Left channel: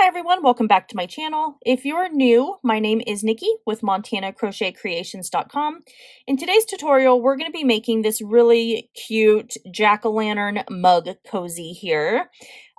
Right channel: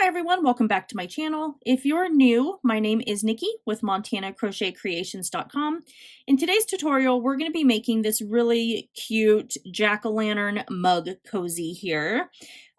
Hi everyone, welcome back to my channel. If you're new, my name is Nikki with MontanaCrochetCreations.com. In today's tutorial, we're going to be making this really cute jack-o'-lantern mug cozy here.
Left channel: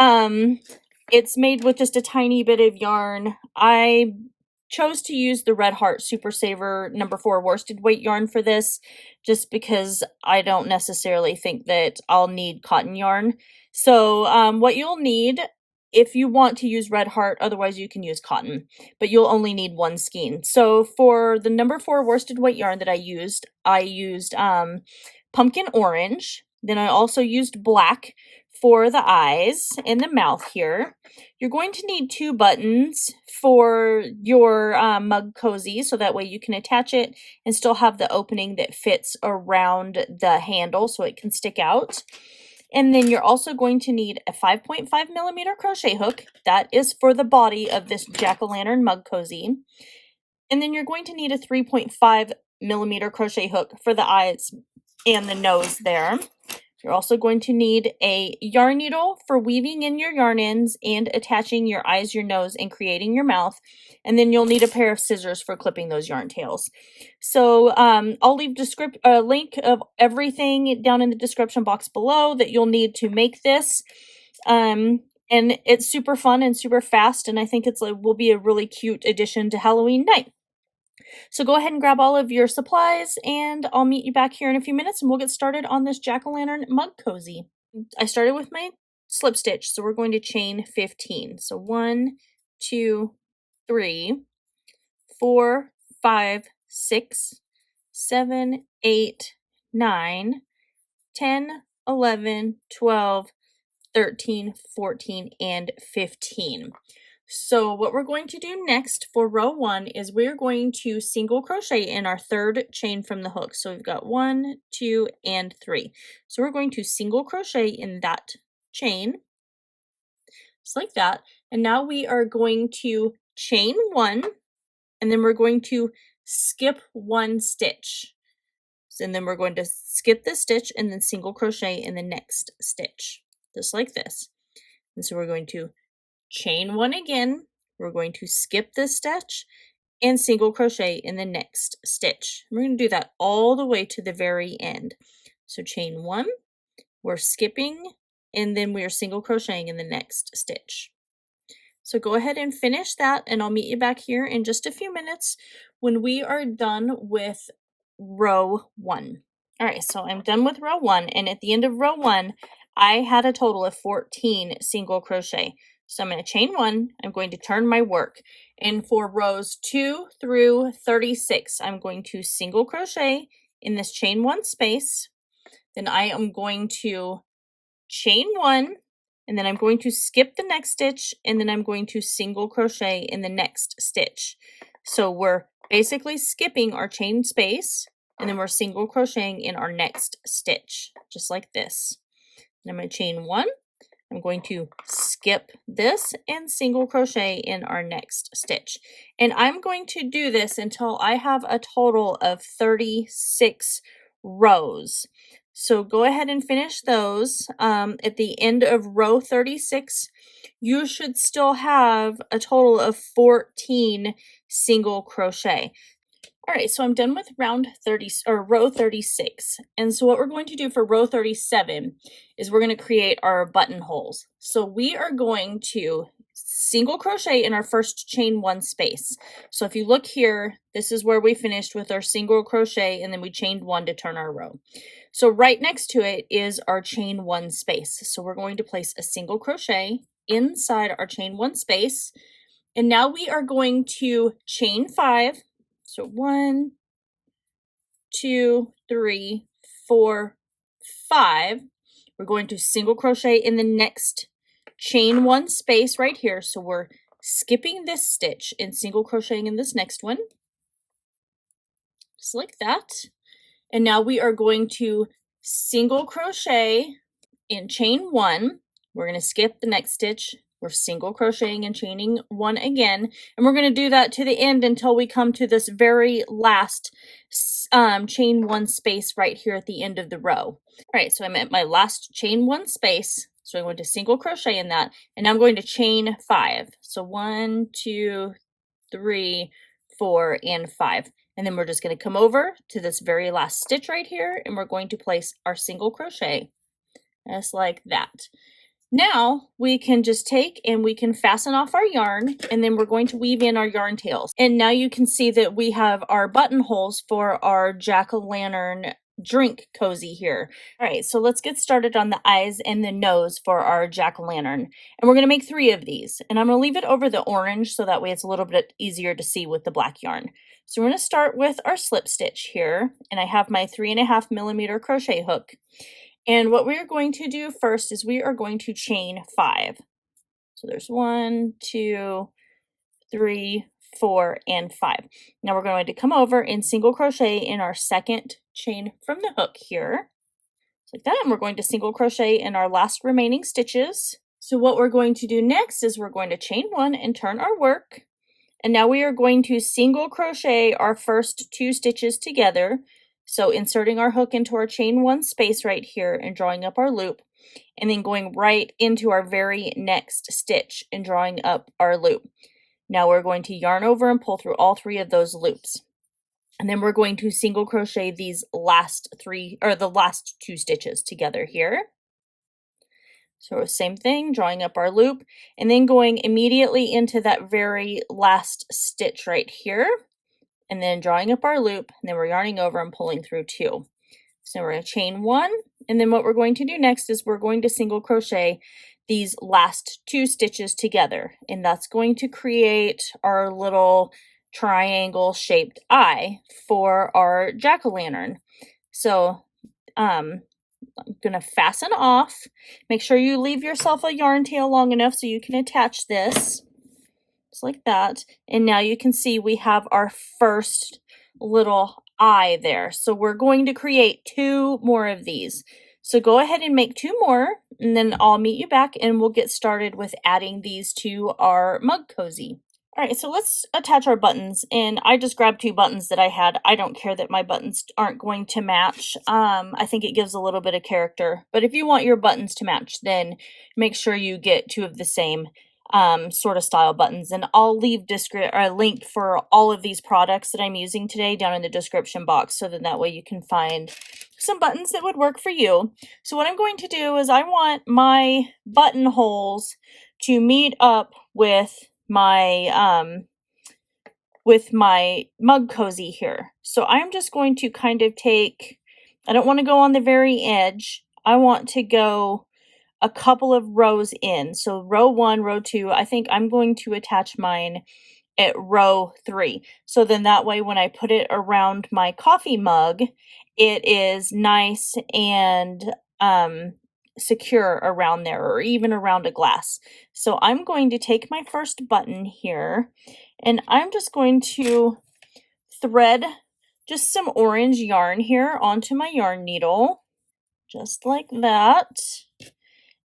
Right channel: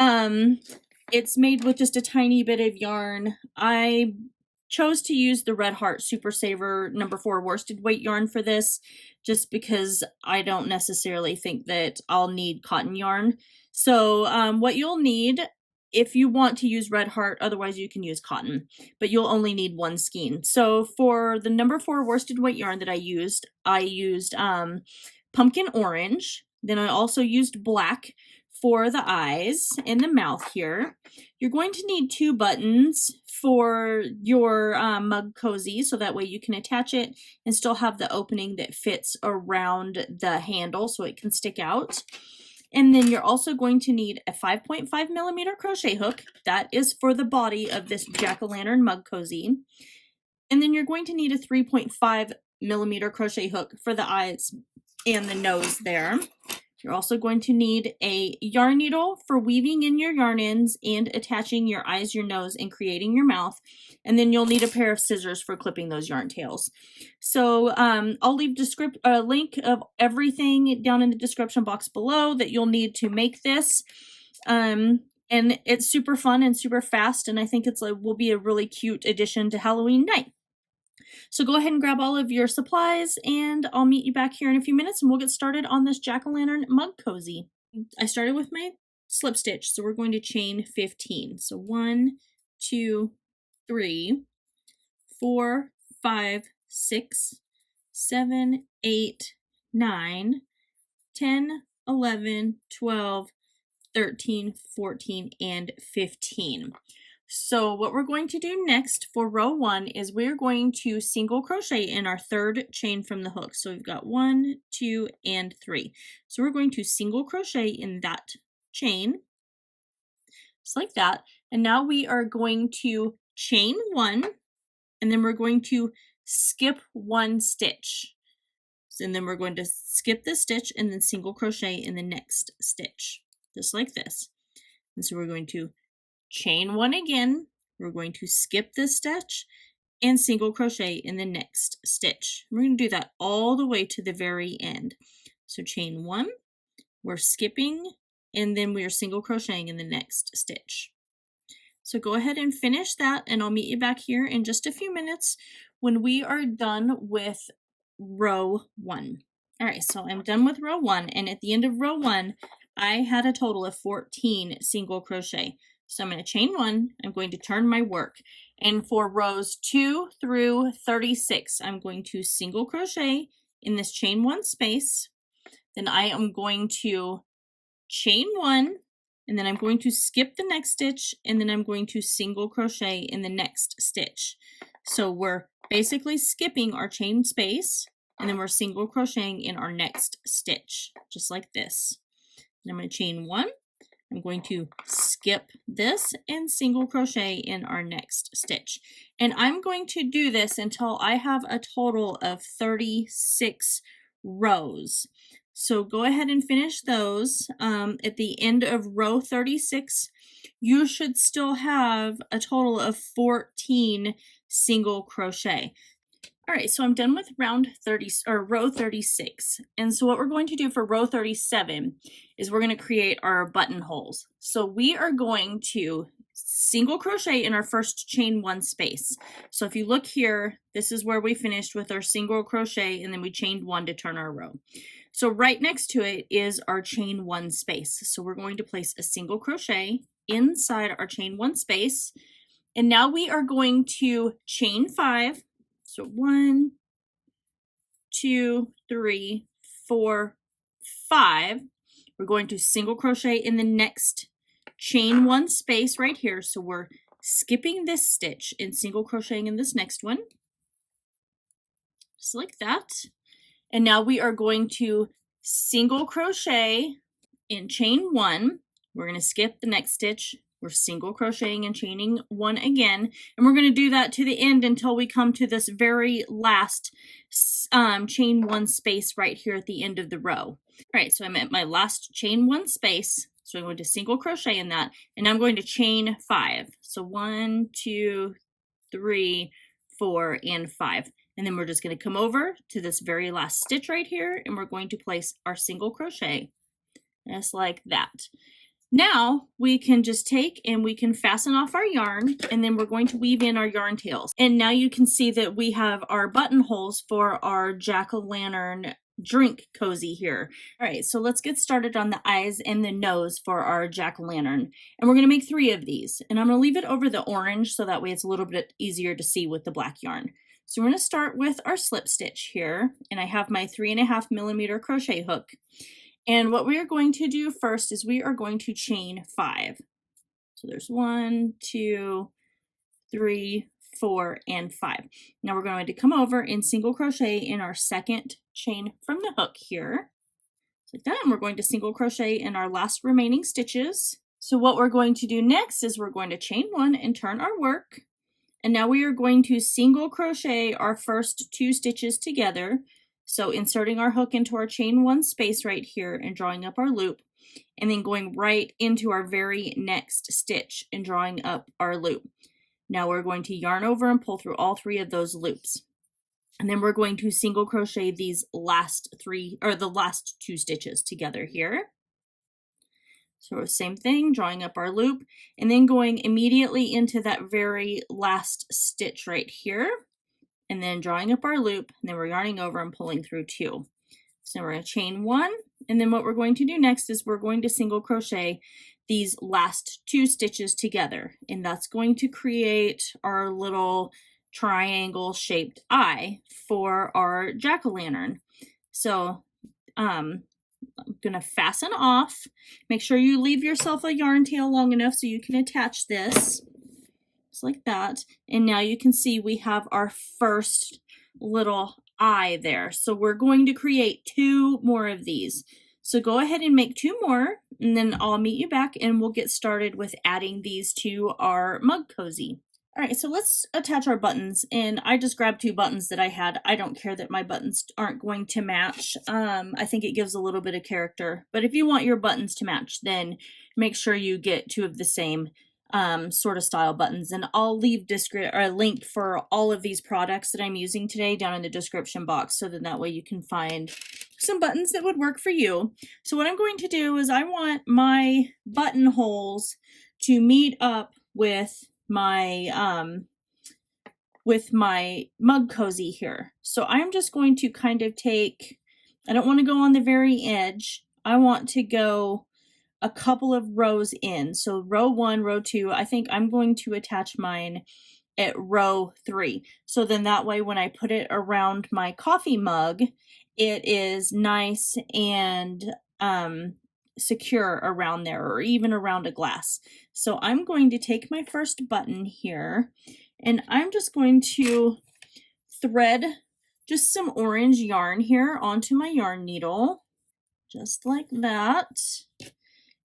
It's made with just a tiny bit of yarn. I chose to use the Red Heart Super Saver number 4 worsted weight yarn for this, just because I don't necessarily think that I'll need cotton yarn. So what you'll need, if you want to use Red Heart, otherwise you can use cotton, but you'll only need one skein. So for the number 4 worsted weight yarn that I used pumpkin orange. Then I also used black for the eyes and the mouth here. You're going to need 2 buttons for your mug cozy, so that way you can attach it and still have the opening that fits around the handle so it can stick out. And then you're also going to need a 5.5 millimeter crochet hook. That is for the body of this jack-o'-lantern mug cozy. And then you're going to need a 3.5 millimeter crochet hook for the eyes and the nose there. You're also going to need a yarn needle for weaving in your yarn ends and attaching your eyes, your nose, and creating your mouth. And then you'll need a pair of scissors for clipping those yarn tails. So I'll leave a link of everything down in the description box below that you'll need to make this. And it's super fun and super fast, and I think will be a really cute addition to Halloween night. So go ahead and grab all of your supplies, and I'll meet you back here in a few minutes and we'll get started on this jack-o'-lantern mug cozy. I started with my slip stitch, so we're going to chain 15. So 1, 2, 3, 4, 5, 6, 7, 8, 9, 10, 11, 12, 13, 14, and 15. So what we're going to do next for row 1 is we're going to single crochet in our 3rd chain from the hook. So we've got 1, 2, and 3. So we're going to single crochet in that chain, just like that. And now we are going to chain 1, and then we're going to skip 1 stitch. And then we're going to skip this stitch and then single crochet in the next stitch, just like this. And so we're going to chain 1 again, we're going to skip this stitch and single crochet in the next stitch. We're going to do that all the way to the very end. So chain 1, we're skipping, and then we are single crocheting in the next stitch. So go ahead and finish that, and I'll meet you back here in just a few minutes when we are done with row 1. All right, so I'm done with row 1, and at the end of row 1, I had a total of 14 single crochet. So I'm going to chain 1, I'm going to turn my work, and for rows 2 through 36, I'm going to single crochet in this chain 1 space. Then I am going to chain 1, and then I'm going to skip the next stitch, and then I'm going to single crochet in the next stitch. So we're basically skipping our chain space, and then we're single crocheting in our next stitch, just like this. And I'm going to chain 1. I'm going to skip this and single crochet in our next stitch. And I'm going to do this until I have a total of 36 rows. So go ahead and finish those. At the end of row 36, you should still have a total of 14 single crochet. All right, so I'm done with row 36. And so what we're going to do for row 37 is we're going to create our buttonholes. So we are going to single crochet in our first chain 1 space. So if you look here, this is where we finished with our single crochet, and then we chained 1 to turn our row. So right next to it is our chain 1 space. So we're going to place a single crochet inside our chain 1 space. And now we are going to chain 5. So 1, 2, 3, 4, 5. We're going to single crochet in the next chain 1 space right here. So we're skipping this stitch and single crocheting in this next one, just like that. And now we are going to single crochet in chain 1. We're going to skip the next stitch. We're single crocheting and chaining 1 again, and we're going to do that to the end until we come to this very last chain 1 space right here at the end of the row. All right, so I'm at my last chain 1 space. So I'm going to single crochet in that, and I'm going to chain 5. So 1, 2, 3, 4, and 5. And then we're just going to come over to this very last stitch right here, and we're going to place our single crochet just like that. Now we can just take and we can fasten off our yarn, and then we're going to weave in our yarn tails. And now you can see that we have our buttonholes for our jack-o'-lantern drink cozy here. All right, so let's get started on the eyes and the nose for our jack-o'-lantern. And we're going to make 3 of these. And I'm going to leave it over the orange so that way it's a little bit easier to see with the black yarn. So we're going to start with our slip stitch here, and I have my 3.5mm crochet hook. And what we are going to do first is we are going to chain 5. So there's 1, 2, 3, 4, and 5. Now we're going to come over and single crochet in our second chain from the hook here. Just like that. And we're going to single crochet in our last remaining stitches. So what we're going to do next is we're going to chain 1 and turn our work. And now we are going to single crochet our first 2 stitches together. So inserting our hook into our chain 1 space right here and drawing up our loop, and then going right into our very next stitch and drawing up our loop. Now we're going to yarn over and pull through all 3 of those loops. And then we're going to single crochet these last 3 or the last 2 stitches together here. So same thing, drawing up our loop and then going immediately into that very last stitch right here. And then drawing up our loop, and then we're yarning over and pulling through 2. So we're going to chain 1, and then what we're going to do next is we're going to single crochet these last 2 stitches together, and that's going to create our little triangle shaped eye for our jack-o'-lantern. So I'm going to fasten off. Make sure you leave yourself a yarn tail long enough so you can attach this. Just like that. And now you can see we have our first little eye there. So we're going to create 2 more of these. So go ahead and make 2 more, and then I'll meet you back and we'll get started with adding these to our mug cozy. All right, so let's attach our buttons, and I just grabbed 2 buttons that I had. I don't care that my buttons aren't going to match. I think it gives a little bit of character, but if you want your buttons to match, then make sure you get 2 of the same sort of style buttons, and I'll leave a link for all of these products that I'm using today down in the description box, so that way you can find some buttons that would work for you. So what I'm going to do is I want my buttonholes to meet up with my mug cozy here. So I'm just going to kind of take, I don't want to go on the very edge. I want to go a couple of rows in. So row 1, row 2, I think I'm going to attach mine at row 3. So then that way when I put it around my coffee mug, it is nice and secure around there, or even around a glass. So I'm going to take my first button here, and I'm just going to thread just some orange yarn here onto my yarn needle, just like that.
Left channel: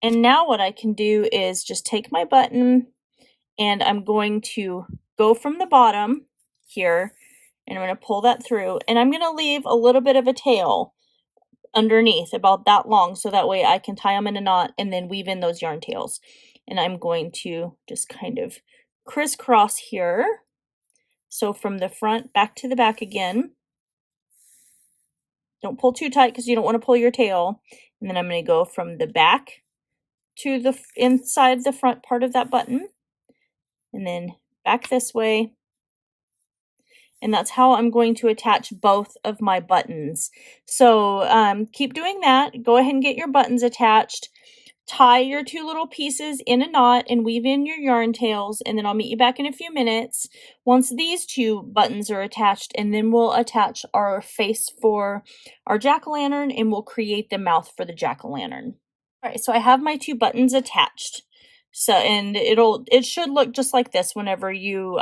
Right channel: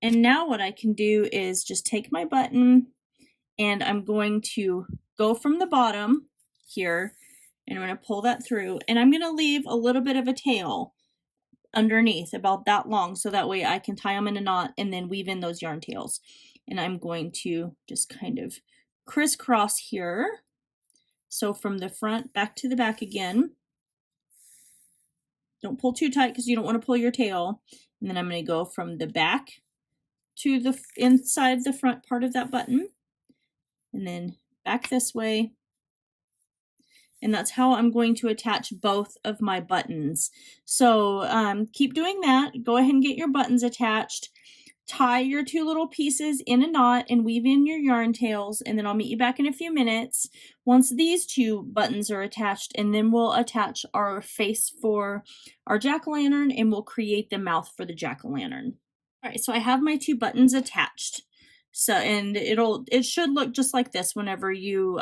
And now what I can do is just take my button, and I'm going to go from the bottom here, and I'm going to pull that through, and I'm going to leave a little bit of a tail underneath, about that long, so that way I can tie them in a knot and then weave in those yarn tails. And I'm going to just kind of crisscross here. So from the front back to the back again. Don't pull too tight because you don't want to pull your tail. And then I'm going to go from the back to the inside the front part of that button, and then back this way. And that's how I'm going to attach both of my buttons. So keep doing that. Go ahead and get your buttons attached. Tie your 2 little pieces in a knot and weave in your yarn tails, and then I'll meet you back in a few minutes once these 2 buttons are attached, and then we'll attach our face for our jack-o'-lantern, and we'll create the mouth for the jack-o'-lantern. All right, so I have my 2 buttons attached. So, and it should look just like this whenever you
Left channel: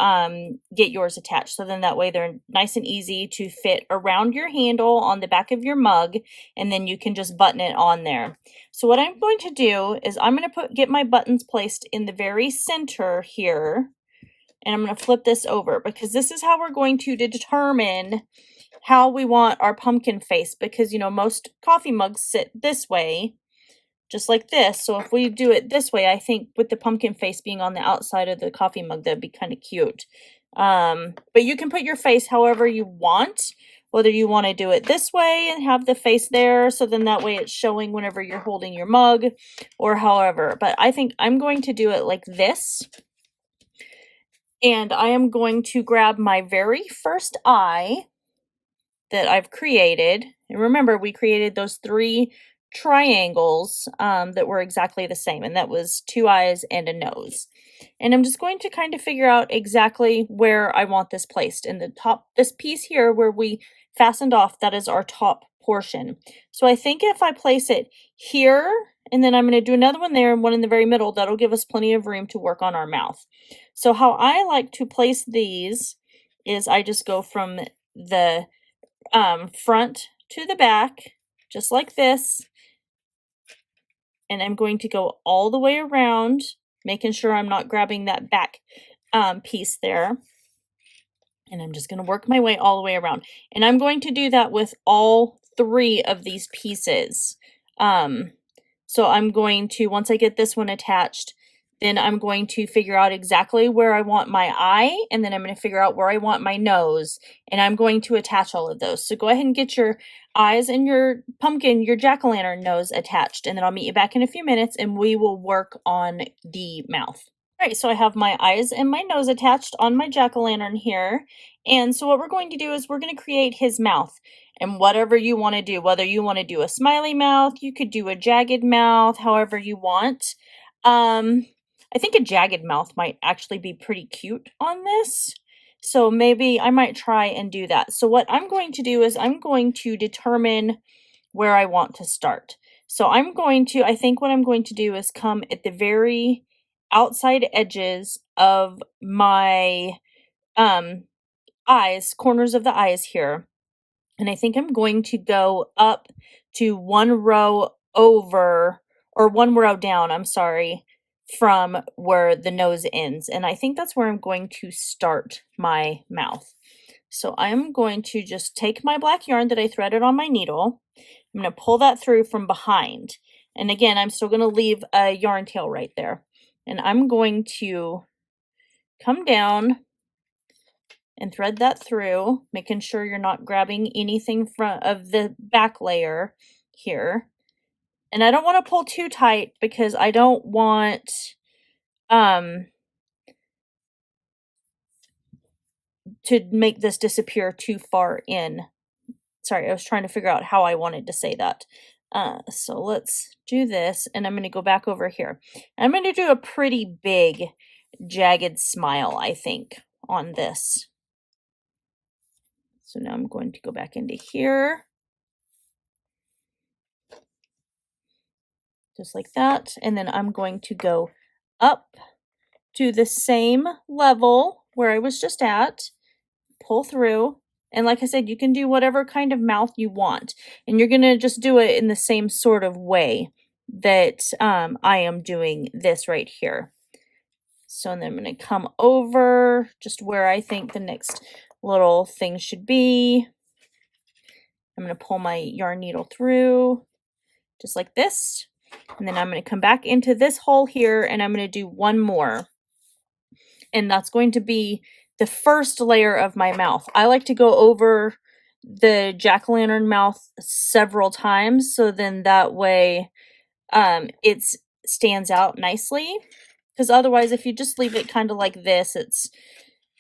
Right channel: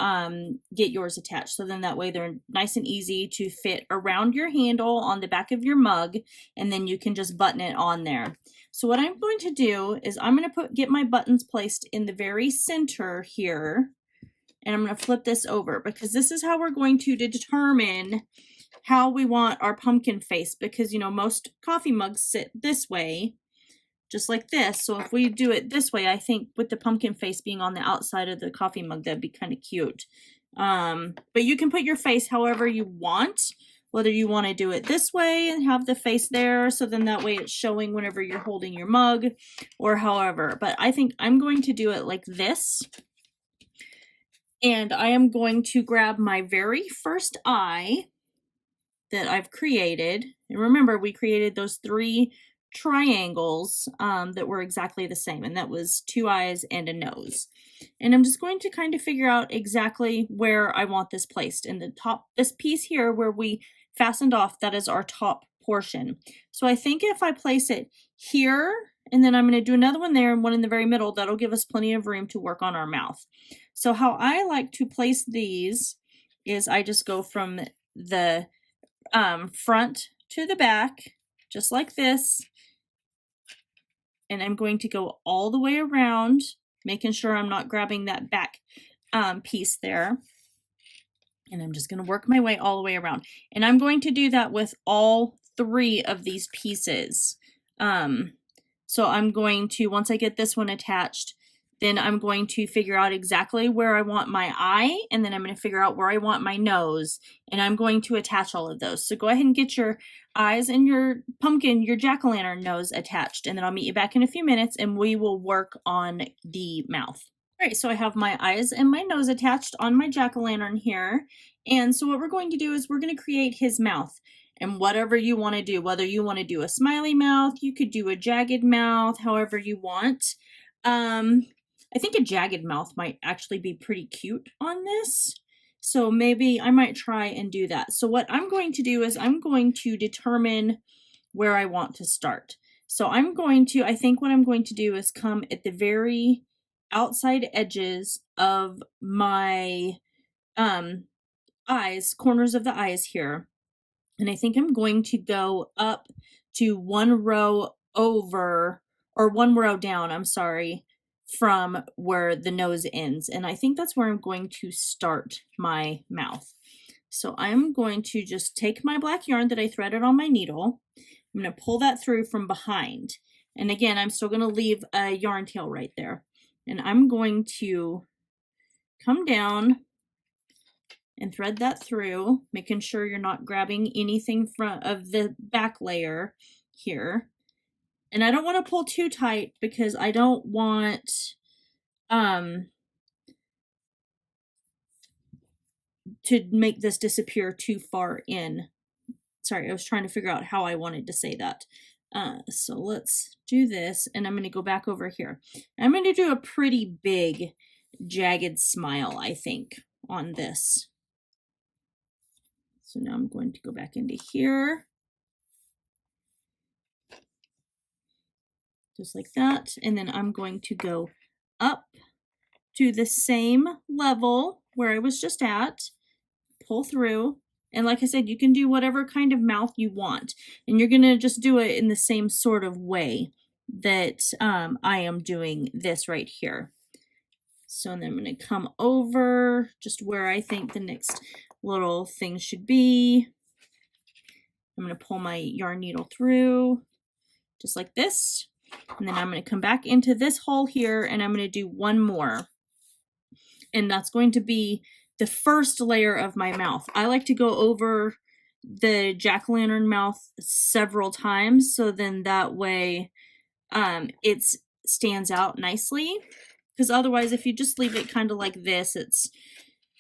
get yours attached. So then that way they're nice and easy to fit around your handle on the back of your mug, and then you can just button it on there. So what I'm going to do is I'm going to get my buttons placed in the very center here, and I'm going to flip this over, because this is how we're going to determine how we want our pumpkin face, because you know most coffee mugs sit this way. just like this. So if we do it this way, I think with the pumpkin face being on the outside of the coffee mug, that'd be kind of cute. But you can put your face however you want, whether you want to do it this way and have the face there, so then that way it's showing whenever you're holding your mug, or however. But I think I'm going to do it like this. And I am going to grab my very first eye that I've created. And remember, we created those 3 triangles that were exactly the same, and that was 2 eyes and a nose. And I'm just going to kind of figure out exactly where I want this placed. In the top, this piece here where we fastened off, that is our top portion. So I think if I place it here, and then I'm going to do another one there and one in the very middle, that'll give us plenty of room to work on our mouth. So how I like to place these is I just go from the front to the back, just like this. And I'm going to go all the way around, making sure I'm not grabbing that back piece there. And I'm just going to work my way all the way around. And I'm going to do that with all 3 of these pieces. So I'm going to, once I get this one attached, then I'm going to figure out exactly where I want my eye, and then I'm going to figure out where I want my nose, and I'm going to attach all of those. So go ahead and get your eyes and your pumpkin, your jack-o'-lantern nose attached, and then I'll meet you back in a few minutes and we will work on the mouth. All right, so I have my eyes and my nose attached on my jack-o'-lantern here. And so what we're going to do is we're going to create his mouth. And whatever you want to do, whether you want to do a smiley mouth, you could do a jagged mouth, however you want. I think a jagged mouth might actually be pretty cute on this. So maybe I might try and do that. So what I'm going to do is I'm going to determine where I want to start. So I think what I'm going to do is come at the very outside edges of my eyes, corners of the eyes here. And I think I'm going to go up to 1 row over, or 1 row down, I'm sorry, from where the nose ends. And I think that's where I'm going to start my mouth. So I'm going to just take my black yarn that I threaded on my needle. I'm going to pull that through from behind. And again, I'm still going to leave a yarn tail right there. And I'm going to come down and thread that through, making sure you're not grabbing anything from of the back layer here. And I don't want to pull too tight because I don't want to make this disappear too far in. Sorry, I was trying to figure out how I wanted to say that. So let's do this, and I'm going to go back over here. And I'm going to do a pretty big jagged smile, I think, on this. So now I'm going to go back into here, just like that. And then I'm going to go up to the same level where I was just at, pull through. And like I said, you can do whatever kind of mouth you want. And you're going to just do it in the same sort of way that I am doing this right here. So then I'm going to come over just where I think the next little thing should be. I'm going to pull my yarn needle through just like this. And then I'm going to come back into this hole here, and I'm going to do 1 more. And that's going to be the first layer of my mouth. I like to go over the jack-o'-lantern mouth several times, so then that way it stands out nicely. Because otherwise, if you just leave it kind of like this,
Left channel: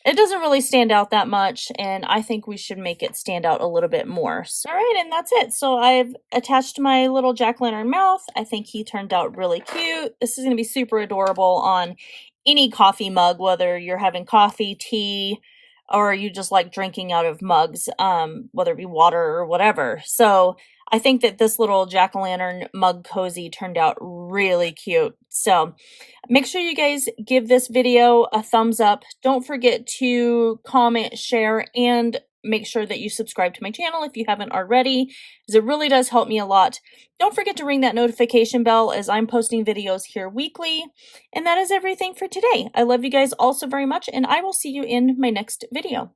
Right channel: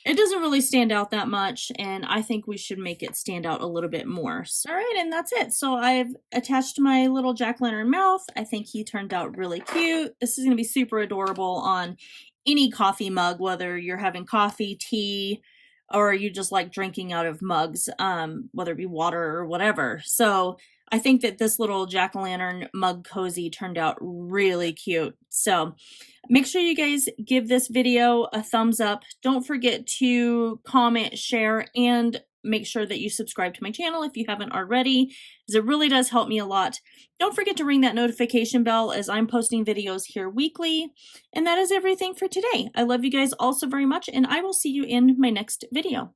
it doesn't really stand out that much, and I think we should make it stand out a little bit more. So, all right, and that's it. So I've attached my little jack-o'-lantern mouth. I think he turned out really cute. This is going to be super adorable on any coffee mug, whether you're having coffee, tea, or you just like drinking out of mugs, whether it be water or whatever. So I think that this little jack-o'-lantern mug cozy turned out really cute. So make sure you guys give this video a thumbs up. Don't forget to comment, share, and make sure that you subscribe to my channel if you haven't already, because it really does help me a lot. Don't forget to ring that notification bell, as I'm posting videos here weekly. And that is everything for today. I love you guys all so very much, and I will see you in my next video.